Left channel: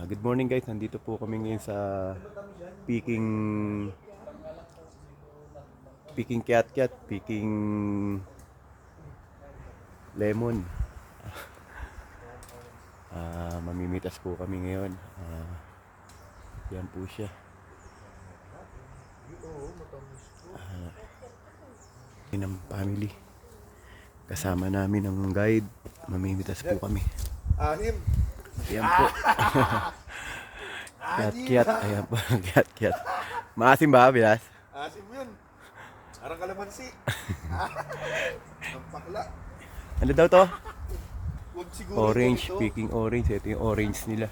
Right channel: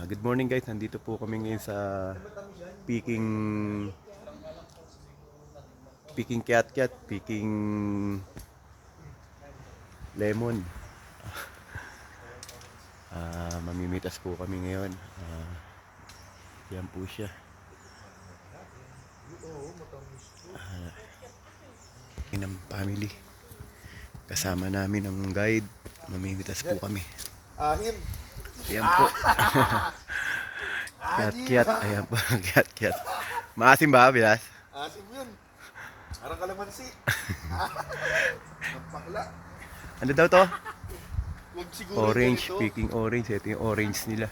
Good morning guys, nandito po kami ngayon sa Peking Peking Kiat Kiat, Peking Lemon. Mamimitas po kami ngayon. Yan po siya. Ng family. Kasama namin ang guide. Mamimitas po kami. Ayan po. Kiat Kiat, ayan po. Kiat Kiat. Maasim ba, Bilas? Asim yun. Parang kalamansi. Magpakla. Ano daw to? Yung siguro Orange, ganito. Peking orange. Ito yung orange nila.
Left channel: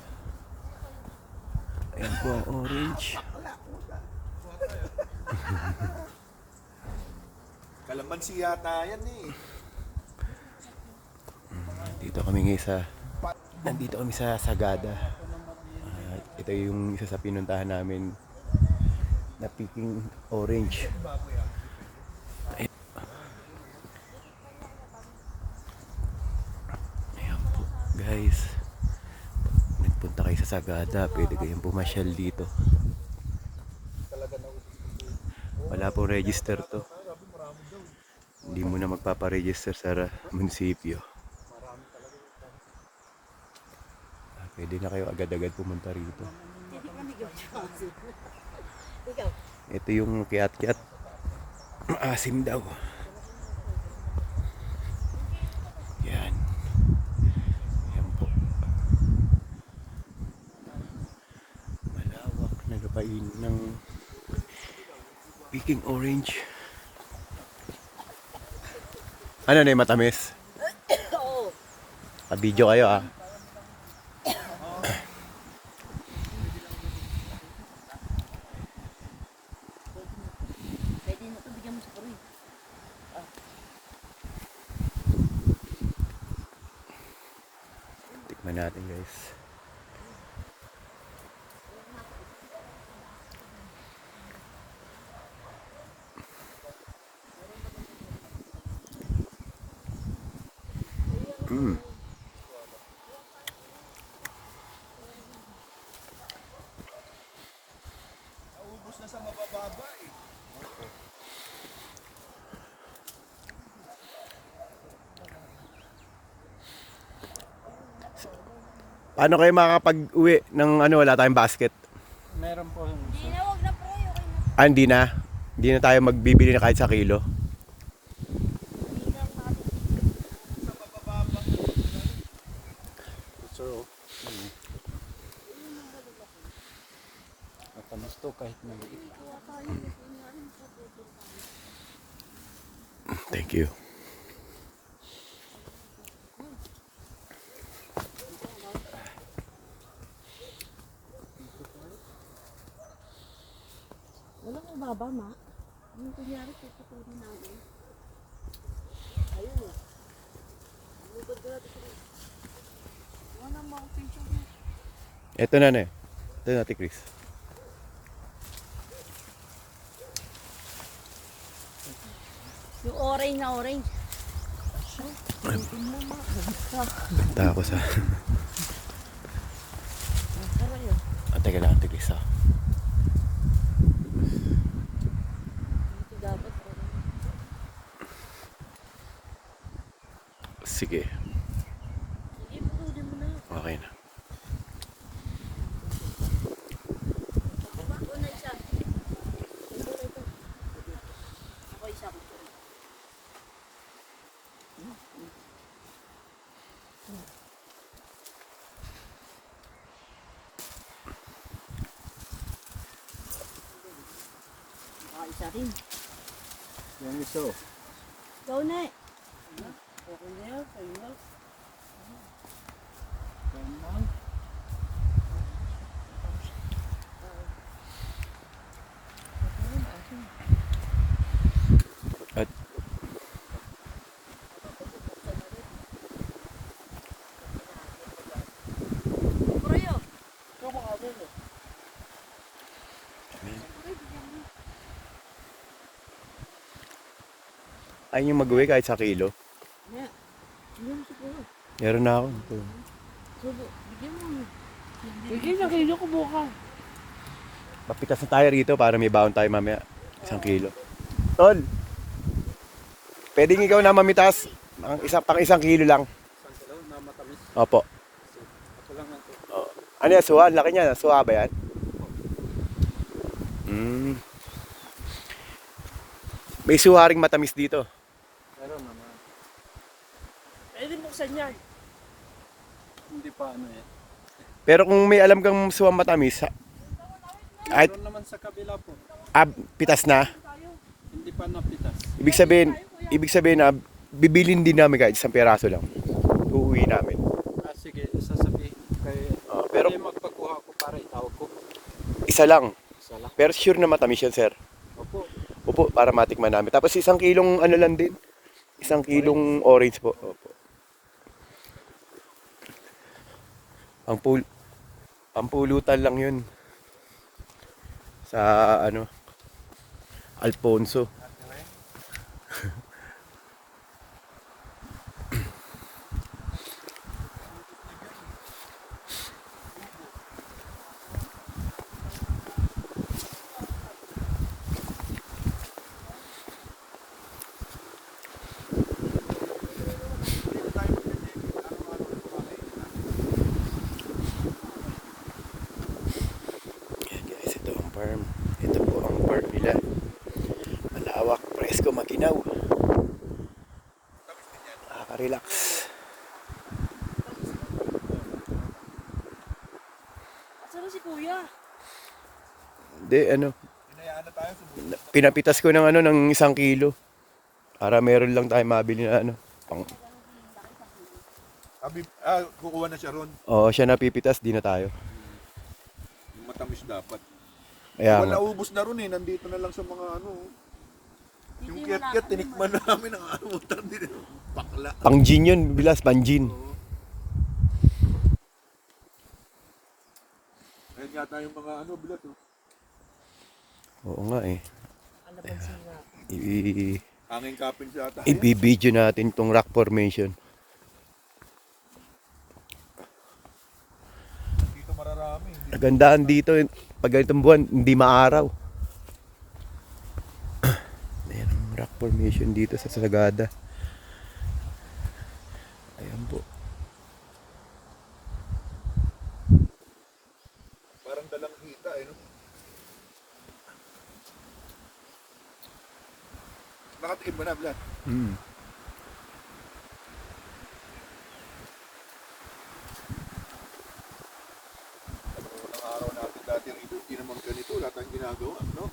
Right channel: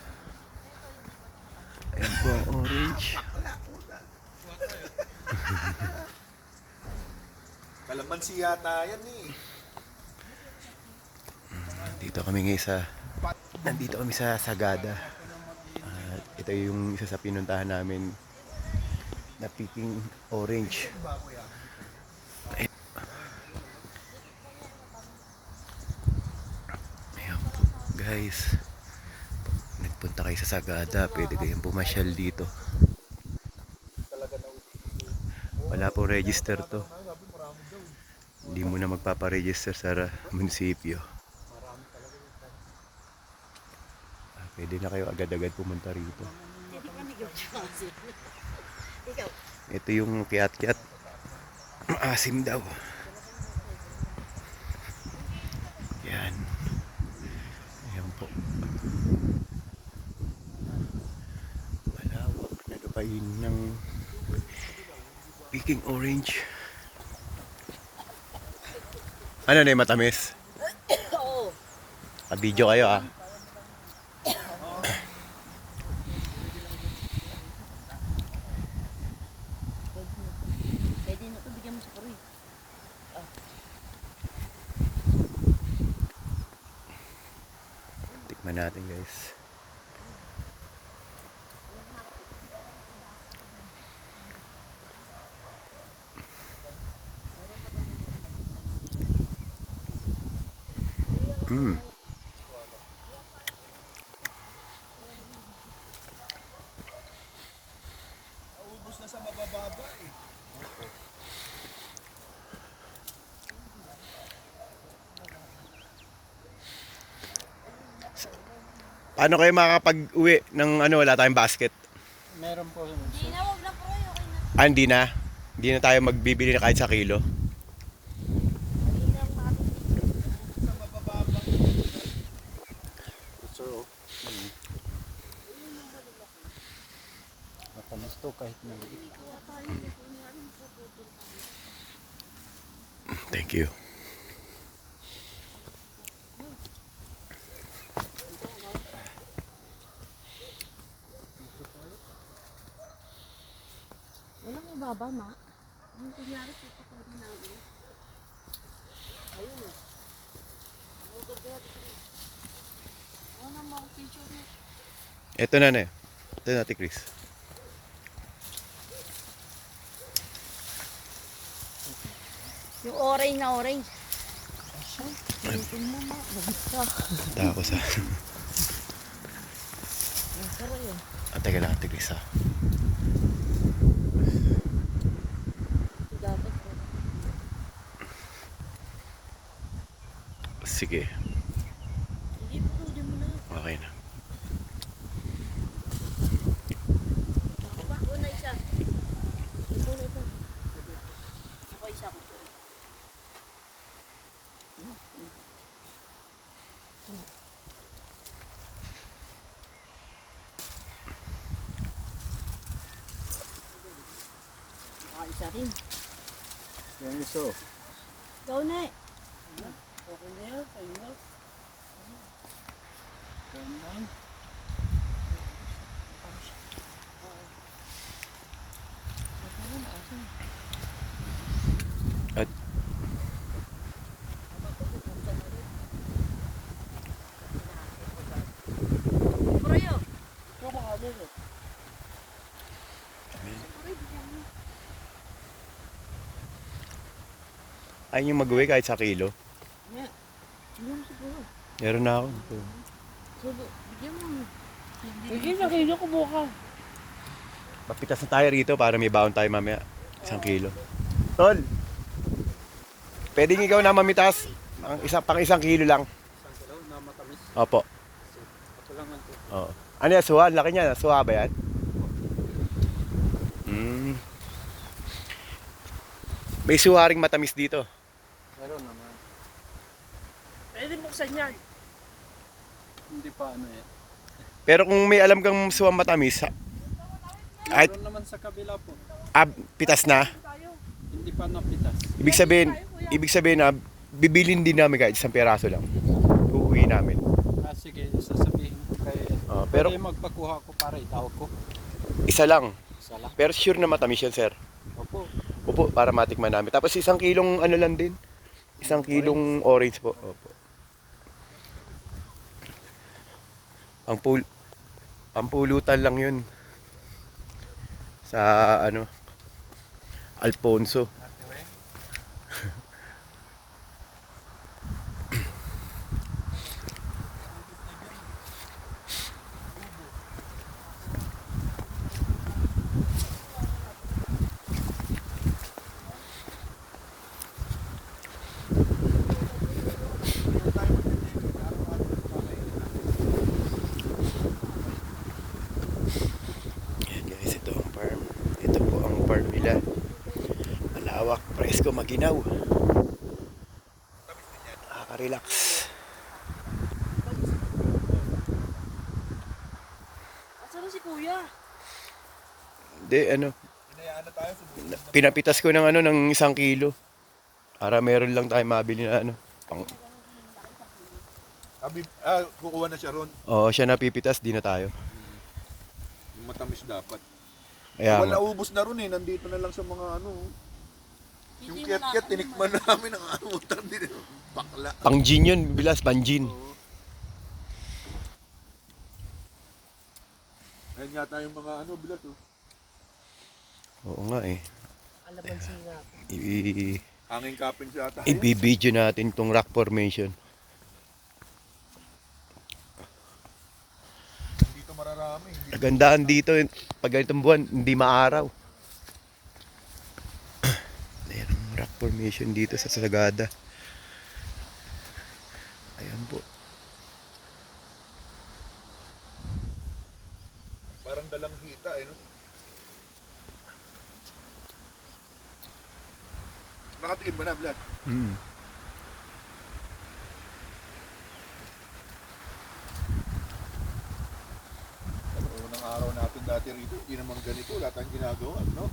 Ayan po ang orange. Kalamansi yata yan eh. Nandito kami sa Sagada. Ito yung isa sa pinuntahan namin na Peking orange. Ayan po guys. Nagpunta kayo sa Sagada, pwede kayong pumasyal dito. Wala po register to. Hindi mo na magpaparegister sa munisipyo. Pwede na kayo agad-agad pumunta rito. Ito yung kiat-kiat. Maasim daw. Yan. Yan po. Malawak na gabain ng Peking orange. Ano na yung matamis? Oo. Video kayo ah. Pwede na ito, bigyan mo sa pari. Tikman natin guys. Ubus na sa mabababa eh. Paano kayo makakapag-uwi ng wala tayong basket? Meron po. Hindi na. Hindi na tayo magbibili na kahit sa kilo. So, matamis to kahit maliit. Thank you. Walang ibaba, ma. Yung kunyari, puputunin namin. Ayun. Mutod ka natin. Wala mo akong picture niya. Ito na na. Ito na, Ate Chris. Yung orange na orange. Tingin mo, ma. Tapos ah. Sarap yun. Teka lang, Ate Chris ah. Ito dapat po. Sige. Sige, putunin mo na. Okay na. Una isa. Una ito. Ako isa ko. Isa rin. Yung iso. Ikaw na eh. Okay na yun, kayo na. At Ikaw baka mo mo. ayun yung mag-uwi kahit sa kilo. Hindi mo siguro. Meron na ako. Sige, bigyan mo. Sige, nakino ko buka. Mapitas na tayo rito para may baon tayo mamaya. 1 kilo. Tol, pwedeng ikaw na mamitas. Pang 1 kilo lang. 1 kilo na matamis. Opo. Ako lang ang Oo. Ano yan, suha? Ang laki niya. Suha ba yan? May suha ring matamis dito. meron naman. Pwede buksan yan. Hindi pa ano yan. Pero kung may alam kang suha matamis, ay, Meron naman sa kabila po. pitas na. Hindi pa napitas. Ibig sabihin na bibilin din namin kahit 1 peraso lang. Uuwi namin. Sige, sasabihin ko kay... Pero Pero magpakuha ko para itawag ko. isa lang. Isa lang. Pero sure na matamis yan, sir. Opo. Opo, para matikman namin. Tapos 1 kilong ano lang din. 1 kilong orange po. Opo. Pampulutan lang yun. Sa ano, Alfonso. Ayan guys, ito ang farm. Ito po ang farm nila. Malawak, presko, maginaw. Nakaka-relax. Asan na si kuya? Hindi, ano, Hinayaan na tayo. pinapitas ko ng ano, ng 1 kilo. Para meron lang tayo mabili na ano. Kukuha na siya ron. Oo, siya napipitas, di na tayo. Yung matamis dapat. Kaya nga. Wala ubos na ron eh. Nandito na lang sa mga ano. Yung kiyat-kiyat, tinikman namin ang amutan din. Bakla. Pang gin yun, bilas, pang gin. Ayun yata yung mga ano, bilat oh. Oo nga eh. Alamansi nga. Hanging kapin siya ata. I-video natin tong rock formation. Dito mararami. Kagandaan dito, pag ganitong buwan, hindi maaraw. Ayan ang rock formation dito sa Sagada. Ayan po. Parang dalang hita eh. No? Nakatikim mo na, Vlad. Ano, unang araw natin dati rito, hindi naman ganito, lahat ang ginagawa, no?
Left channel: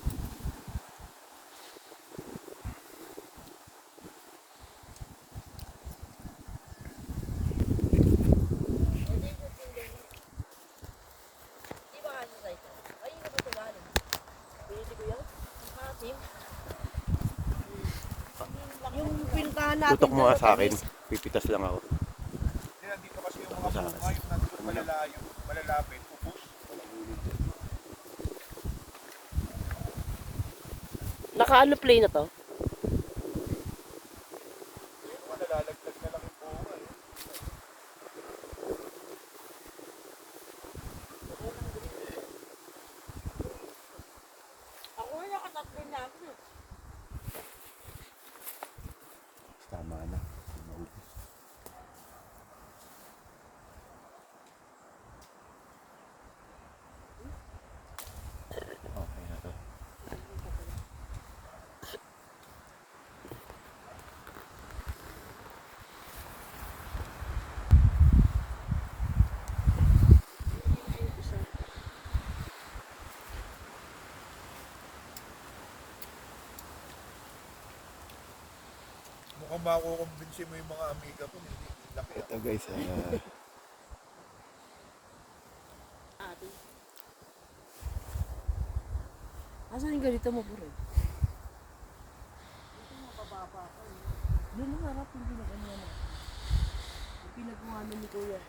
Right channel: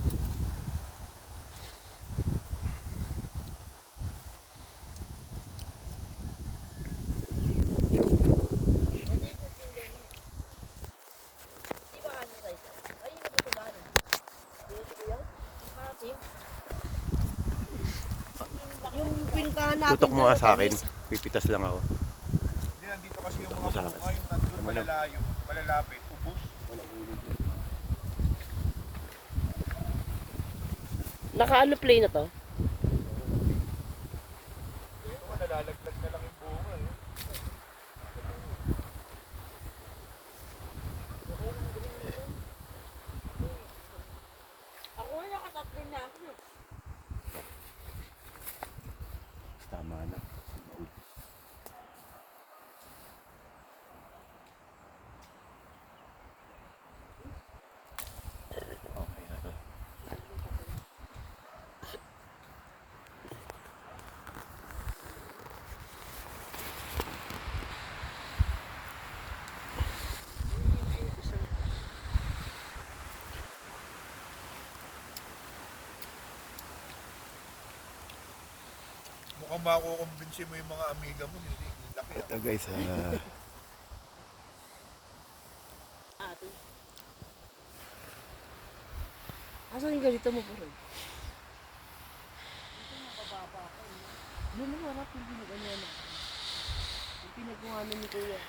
Yung pinuntahan natin. Tutok mo nga sa akin. Pipitas lang ako. Hindi, nandito kasi yung Tutok mo mga sa bunga, akin. yung nandito malalayo, malalapit, upos. Walang ulit yan. Naka-ano play na to? Ito, nalalaglag na lang yung bunga eh. Ako nga nakasapin na ako. Tama na. Maubos. Okay na to. Mukhang makukumbinsi mo yung mga amiga mo, hindi. Laki. Ito guys, Asan yung ganito mo bro? Ito mapababa ko eh. Doon mo harap yung ginagawa. Yung pinagkuhanan ni kuya.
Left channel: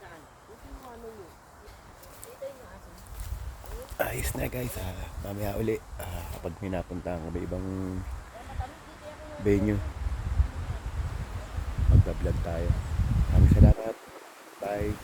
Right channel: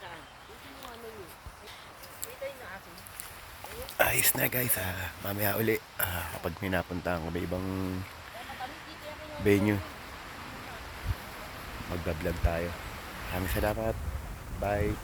Saan? Yung pinagkuhanan niyo. Ito yung naasin. ayos na guys. Mamaya uli. Kapag may napuntahan kami ibang venue. Magbablog tayo. Maraming salamat. Bye.